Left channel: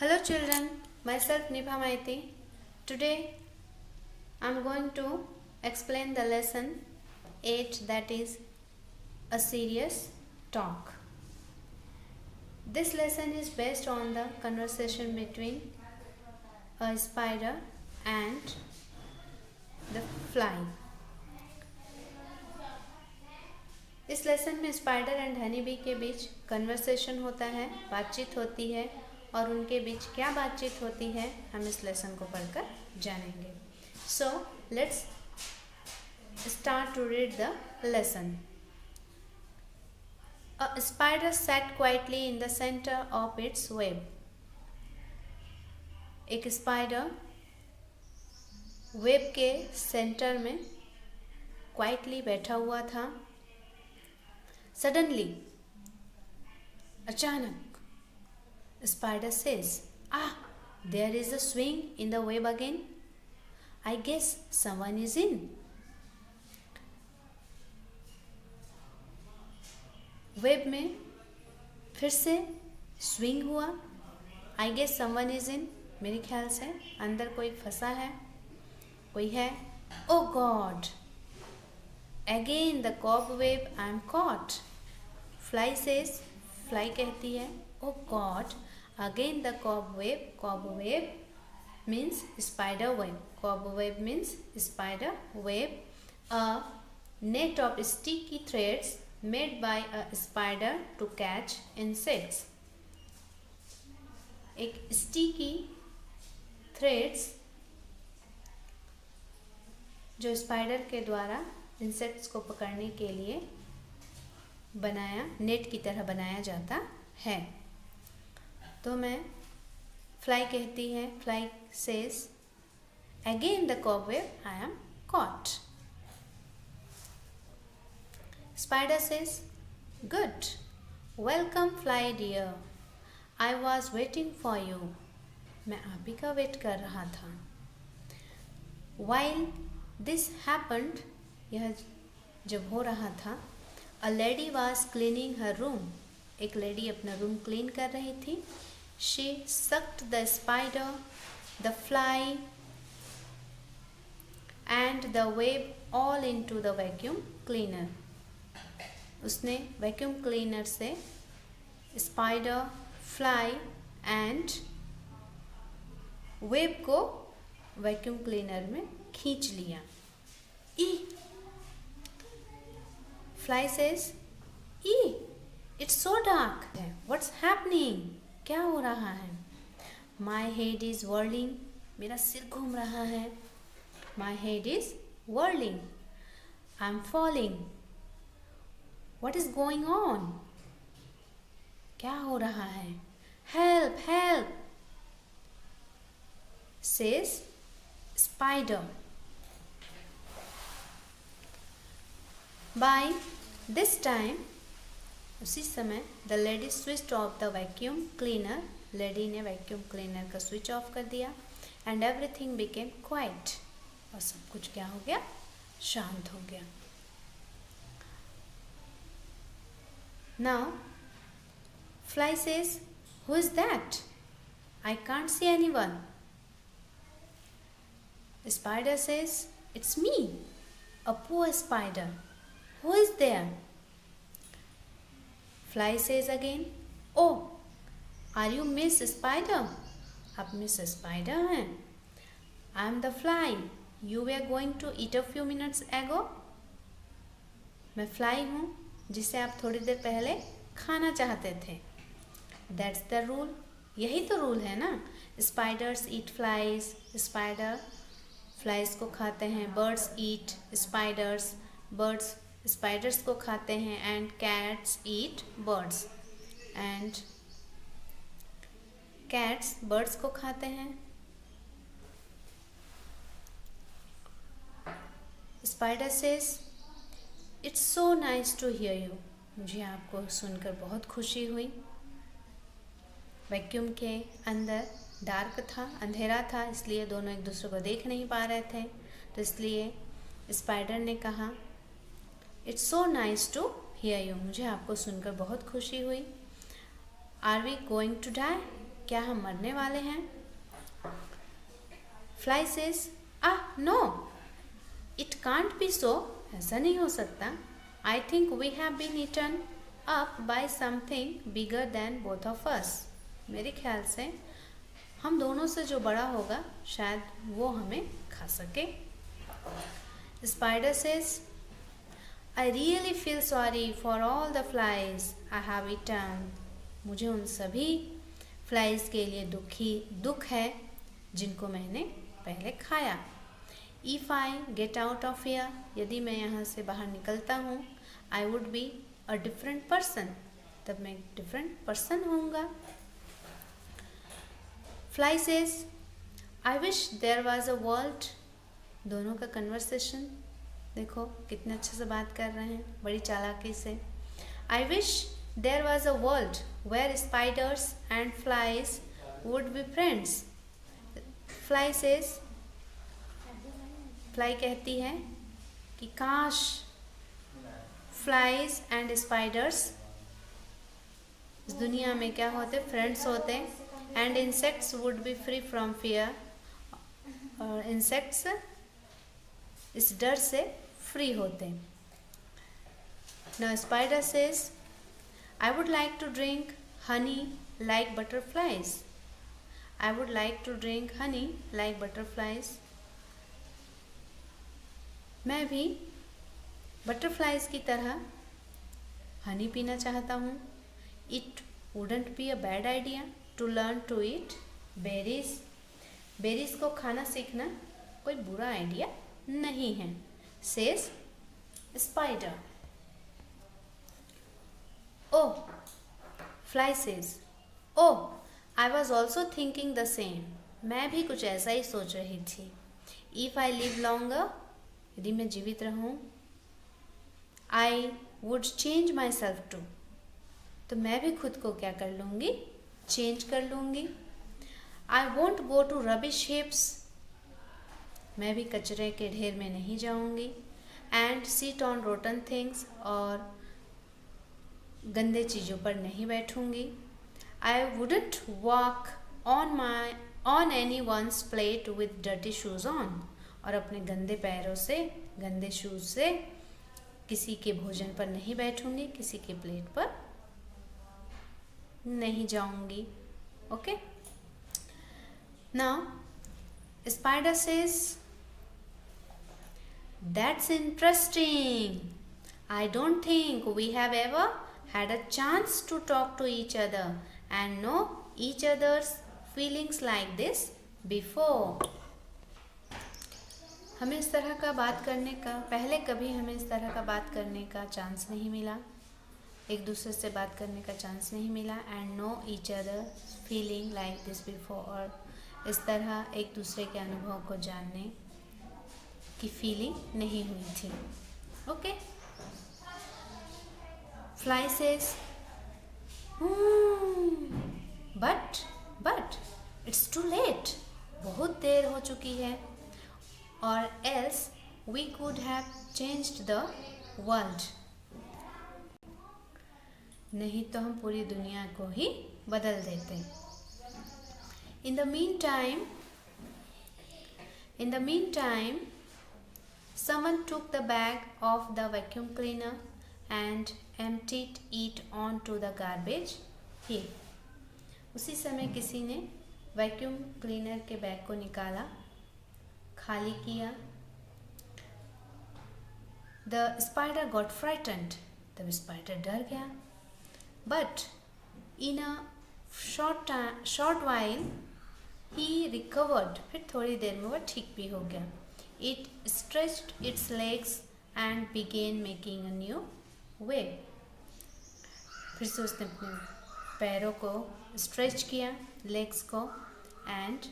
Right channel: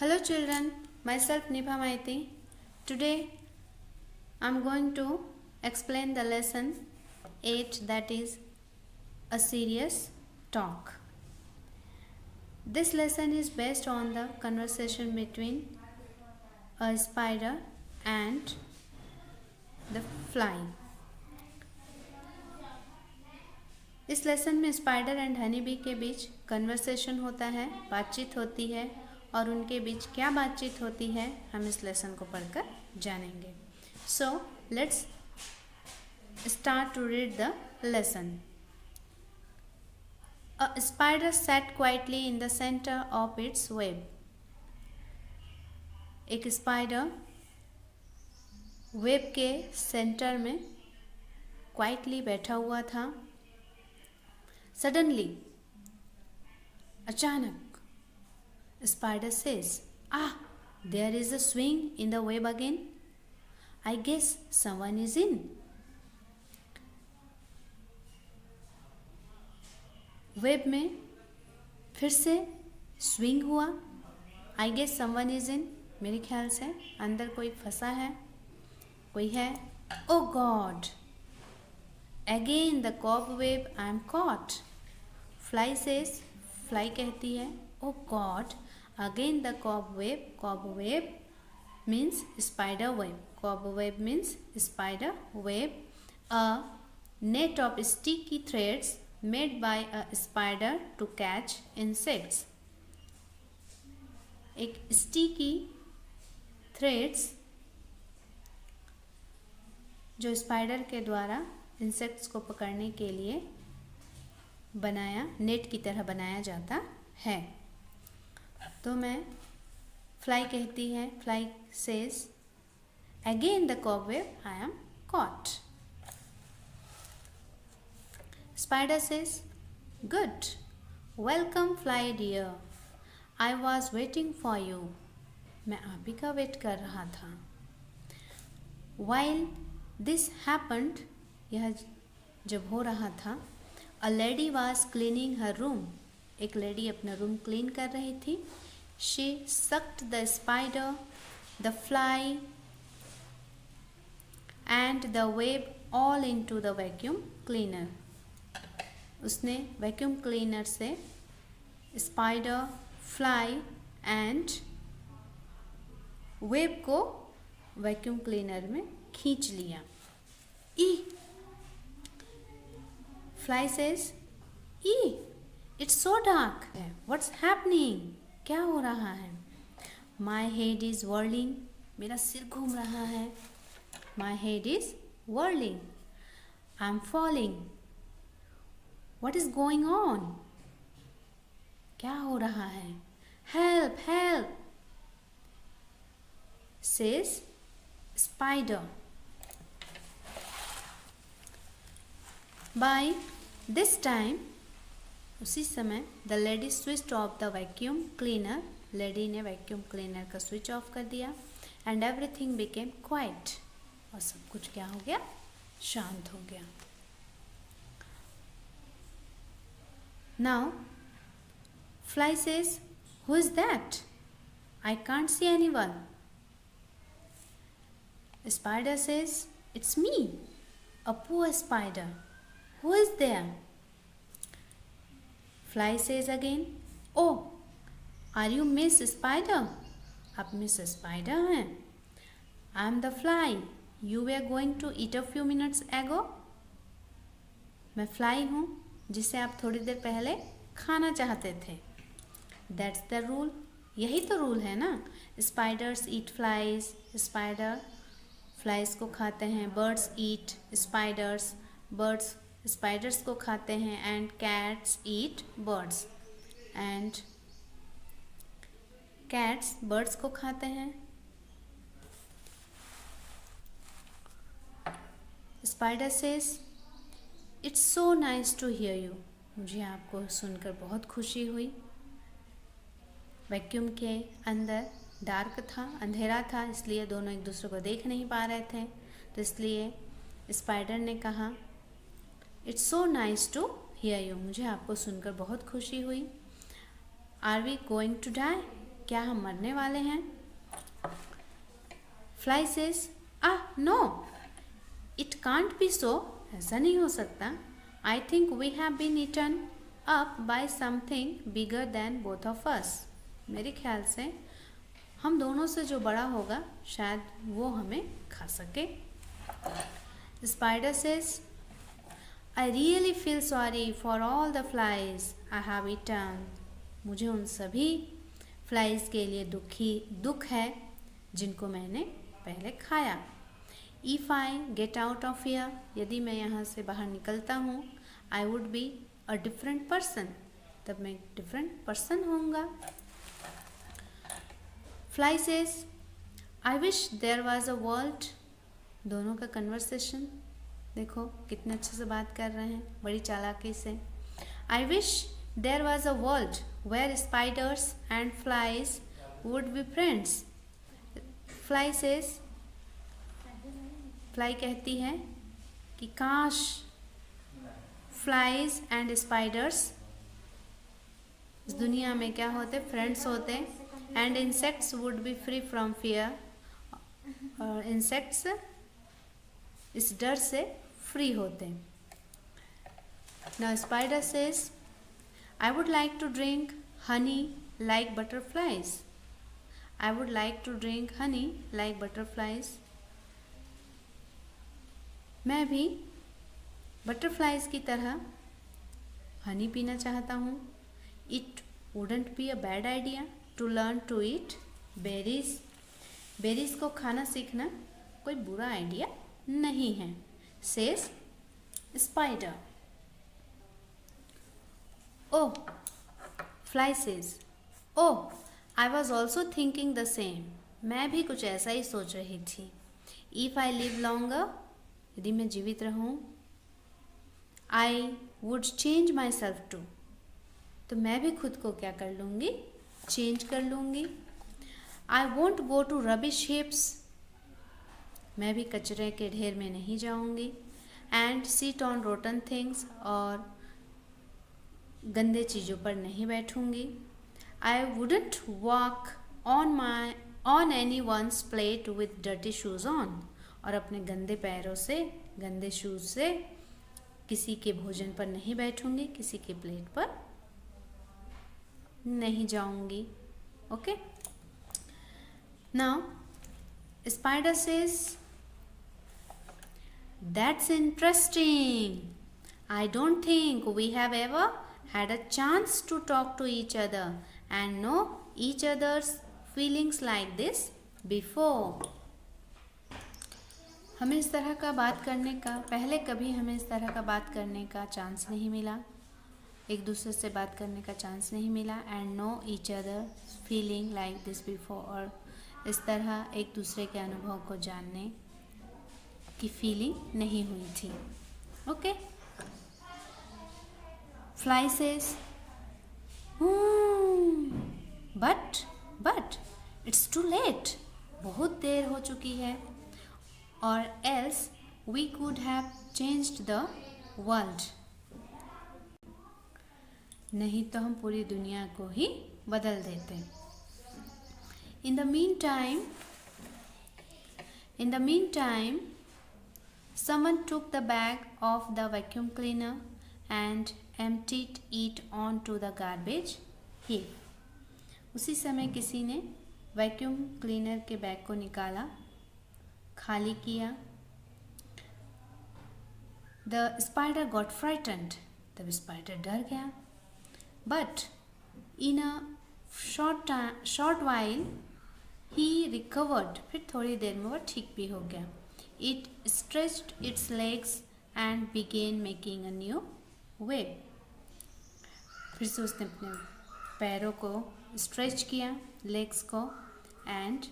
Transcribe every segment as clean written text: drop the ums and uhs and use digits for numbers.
Hello children, myself Nibha Maiti. Today I am going to explain the lesson 8, that is a serious talk. This lesson is based on the conversation between a spider and the fly. इस lesson में spider and honey bee के बीच conversation होता है, बातचीत होती है, और उनके बीच क्या बातचीत होती है हम इस लेसन को पढ़कर जानेंगे. So let's start to read the lesson. A spider sat quietly in the center of its web. एक स्पाइडर वेब के सेंटर में क्वाइटली बैठा हुआ था. सडनली, अचानक, spider says, there is a swing in the web again. I guess someone is in. Web में फिर से स्विंग हुआ. I guess someone is in. मेरे ख्याल से अंदर कोई फंसा है, कोई है. Oh God, again the cobweb, I am caught. Fly says, fly कहती है, oh God, again the cobweb. Cobweb means spider web. Cobweb means spider web. A net of sticky threads made by a spider to catch insects. एक sticky threads जो spider के द्वारा insects को पकड़ने के लिए बनाया, नेट की तरह बनाया जाता है. तो मैं फ्लाई कहती है, fly says, again the cobweb, I am caught. Spider says, good, welcome fly dear, I was waiting for you. मैं आप ही का वेट कर रहा था. वाइल दिस हैपेंड, यह जब हो रहा था, a lady was cleaning her room. एक लेडी अपना रूम क्लीन कर रही थी. She sucked the spider, the fly and the web all into the vacuum cleaner. उसने वैक्यूम क्लीनर से स्पाइडर, फ्लाई एंड वेब को वैक्यूम क्लीनर में खींच लिया. Fly says, it's so dark, what's happening, क्या हो रहा है. माई हेड इज वर्लिंग, मेरा सिर घूम रहा है. My head is whirling, I am falling, what is going on, क्या हो रहा है. Help help says spider. By this time, उसी समय, the lady switch off the vacuum cleaner. Lady ने वैक्यूम क्लीनर का स्विच ऑफ कर दिया. एंड एवरीथिंग बिकेम क्वाइट, और सब कुछ क्या हो गया, शांत हो गया. Now fly says, who is that, I can't see anyone. Spider says, it's me, a poor spider, who is there. Fly says again, oh, are you Miss Spider? आप मिस स्पाइडर हैं. I am the fly you were going to eat a few minutes ago. मैं fly हूँ जिसे आप थोड़ी देर पहले खाना चाहते थे. That's the rule. यही तो रूल है ना. Spiders eat flies. Spider flies को खाते हैं. Birds eat spiders. Birds spiders को खाते हैं. And cats eat birds. And cats birds को खाते हैं. Spider says, it's so nice to hear you, मुझे आपको सुनकर बहुत खुशी हुई. वैक्यूम के अंदर डार्क था, अंधेरा था, इसलिए दोनों एक दूसरे को देख नहीं पा रहे थे. तो इसलिए स्पाइडर ने कहा, it's so nice to hear you, मुझे आपको सुनकर बहुत खुशी हुई. Are we going to die, क्या हम मरने वाले हैं? Fly says no, it can't be so, ऐसा नहीं हो सकता. I think we have been eaten up by something bigger than both of us. मेरे ख्याल से हम दोनों से जो बड़ा होगा शायद वो हमें खा सके. Spider says I really feel sorry for all the flies I have eaten. मुझे उन सभी फ्लाइज के लिए दुख है जिनको मैंने पहले खाया. If I get out of here, यदि मैं यहाँ से बाहर निकलता हूँ, I would be a different person, तब मैं डिफरेंट पर्सन होऊंगा. Fly says I wish there was a world. दोनों का कन्वर्सेशन देखो कितने अच्छे से बात कर रहे हैं, बड़ी चालाकी से. I wish there was a world where spiders and flies would be friends. Fly says, fly कहती है कि काश फ्लाइज एंड स्पाइडर्स इस दुनिया में क्या होते, फ्रेंड्स होते. And insects would be free from fear, और इंसेक्ट्स इस डर से फ्री होते. Now spider says I would like to drink honey like butterflies. I would like to drink honey like butterflies. मैं भी बटरफ्लाइज की तरह हनी पीना चाहता हूँ. It wouldn't be a bad idea to learn to eat berries. Berries को खाना सीखना कोई बुरा आइडिया नहीं है, says spider. Oh, fly says oh I was also thinking the same. मैं भी कुछ ऐसा ही सोच रही थी. इफ आई लिव लॉन्गर, यदि मैं जीवित रहूं, I would change myself too, तो मैं भी खुद को क्या कर लूँगी, चेंज कर लूँगी. I won't go to rubbish heaps, मैं भी कचरे के ढेर में नहीं जाऊँगी. And sit on rotten things, और गंदे चीज़ों पर नहीं बैठूँगी. I wouldn't walk on anyone's plate with dirty shoes on, और अपने गंदे पैरों से, गंदे शूज़ से किसी के भोजन पर नहीं बैठूंगी, किसी के प्लेट पर नहीं जाऊंगी. Okay. Now spider says that's interesting. I don't think we have ever had a chance to talk to each other and know each other's feelings like this before. हमें इस तरह का बात करने का, पहले कभी हमें इस तरह का बात करने का चांस नहीं मिला, एक दूसरे से बात करने का चांस नहीं मिला. And know each other feeling like this before, और इस तरह एक दूसरे के अनुभव को जानने की फीलिंग नहीं हुई थी. Okay. Fly says but it's too late, बहुत देर हो चुकी है. और else we could have changed the world, नहीं तो हम पूरी दुनिया को ही बदल देते. In the meantime someone took the bag of the vacuum cleaner and emptied it onto the garbage heap. उसी समय किसी ने वैक्यूम क्लीनर के बैग को निकाला, खाली किया. The spider got frightened. तब स्पाइडर डर गया. But in a short while he recovered. फिर थोड़ी देर में वह ठीक भी हो गया. It stretched its legs and began making a new web. फिर से उसने अपने पैरों को स्ट्रेच किया, लेग्स को, एंड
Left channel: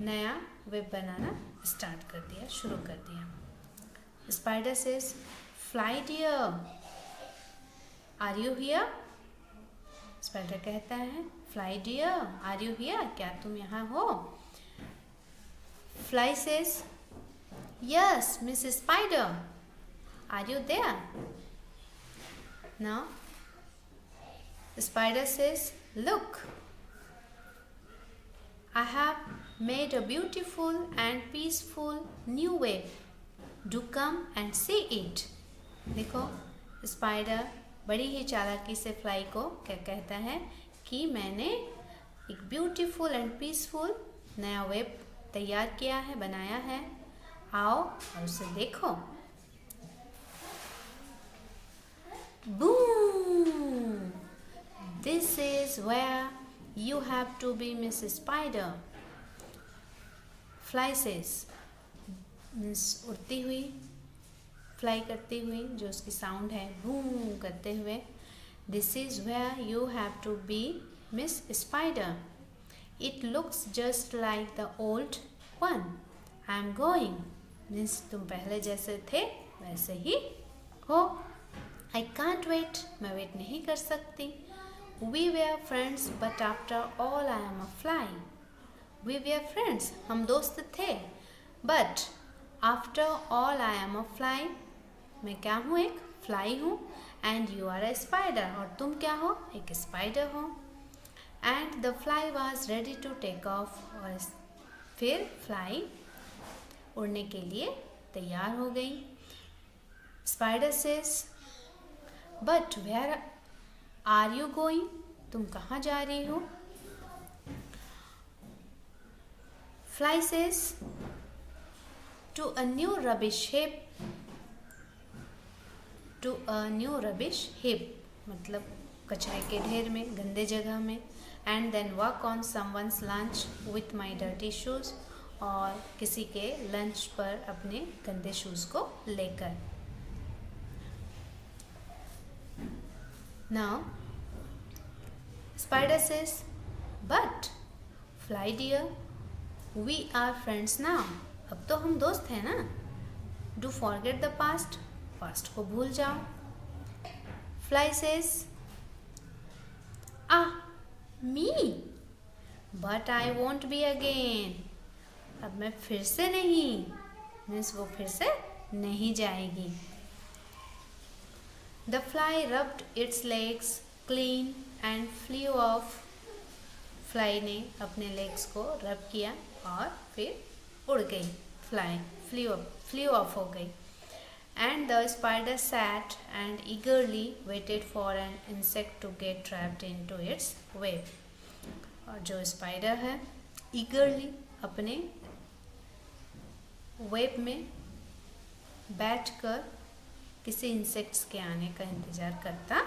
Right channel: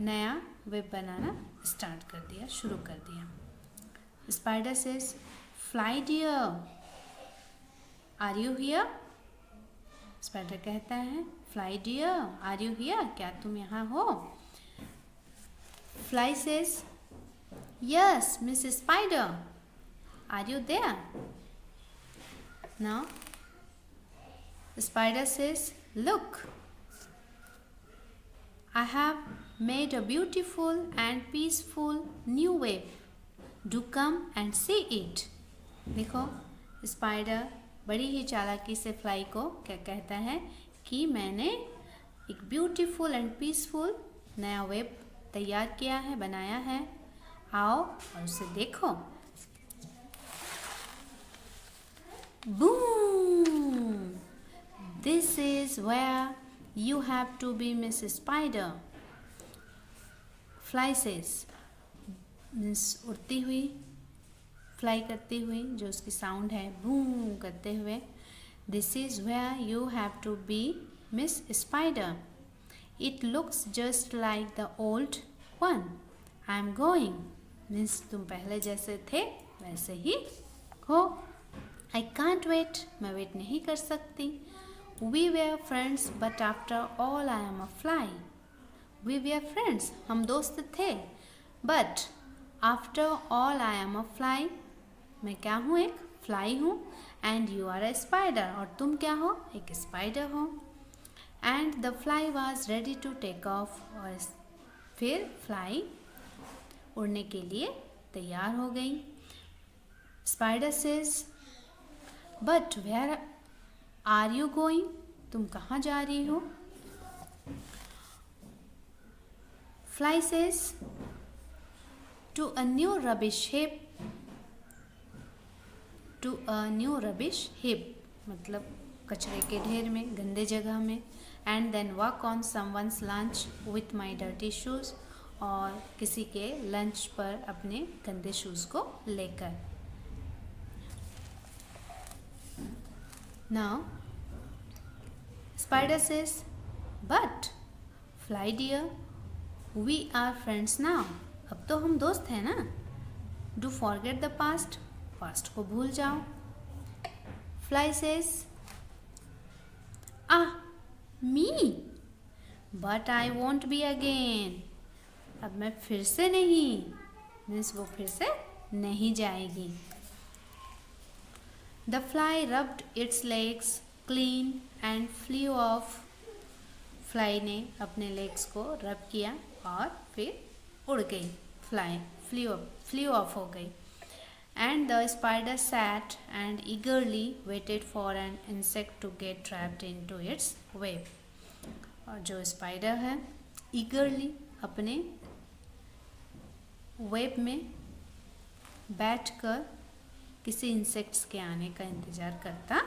नया वेब बनाना स्टार्ट कर दिया, शुरू कर दिया. Spider says fly dear are you here. Spider कहता है fly dear are you here, क्या तुम यहाँ हो. Fly says yes miss spider are you there. Now spider says look have made a beautiful and peaceful new web. Do come and see it. देखो spider बड़ी ही चालाकी से fly को क्या कहता है कि मैंने एक ब्यूटीफुल एंड पीसफुल नया वेब तैयार किया है, बनाया है। आओ और उसे देखो। Boom! This is where you have to be, Miss Spider. Fly says, Miss उड़ती हुई, फ्लाई करती हुई, जो उसकी साउंड है बूम करते हुए। This is where you have to be, Miss Spider. It looks just like the old one. I'm going. Miss तुम पहले जैसे थे वैसे ही हो। I can't wait. मैं वेट नहीं कर सकती। We were friends, but after all I am a fly. We were friends. हम दोस्त थे, but after all I am a fly. मैं क्या हूँ? एक फ्लाई हूँ। And you are a spider. और तुम क्या हो? एक स्पाइडर हो। And the fly was ready to take off. और फिर फ्लाई उड़ने के लिए तैयार हो गई। Spider says, But where are you going? तुम कहाँ जा रही हो? Fly says, To a new rubbish heap. To a new rubbish heap. मतलब कचरे के ढेर में, गंदे जगह में। And then walk on someone's lunch with my dirty shoes. और किसी के लंच पर अपने गंदे शूज़ को लेकर। Now, Spider says, But, Fly dear, we are friends now. अब तो हम दोस्त हैं ना? Do forget the past. Past को भूल जाओ। Fly says, me? But I won't be again. अब मैं फिर से नहीं, मीन्स वो फिर से नहीं जाएगी। The fly rubbed its legs clean and flew off. Fly ने अपने legs को रब किया और फिर उड़ गई। Fly flew off हो गई। And the spider sat and eagerly waited for an insect to get trapped into its web. और जो spider है eagerly अपने web में बैठकर किसी इंसेक्ट्स के आने का इंतज़ार करता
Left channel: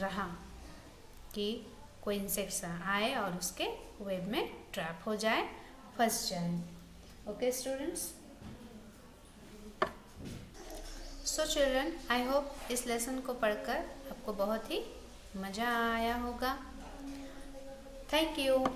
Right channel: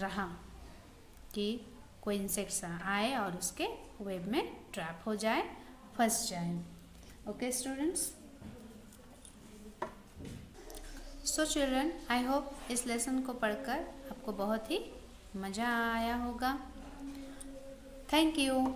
रहा कि कोई इंसेक्ट्स आए और उसके वेब में ट्रैप हो जाए, फंस जाए। Okay students, so children, I hope इस लेसन को पढ़कर आपको बहुत ही मज़ा आया होगा। Thank you.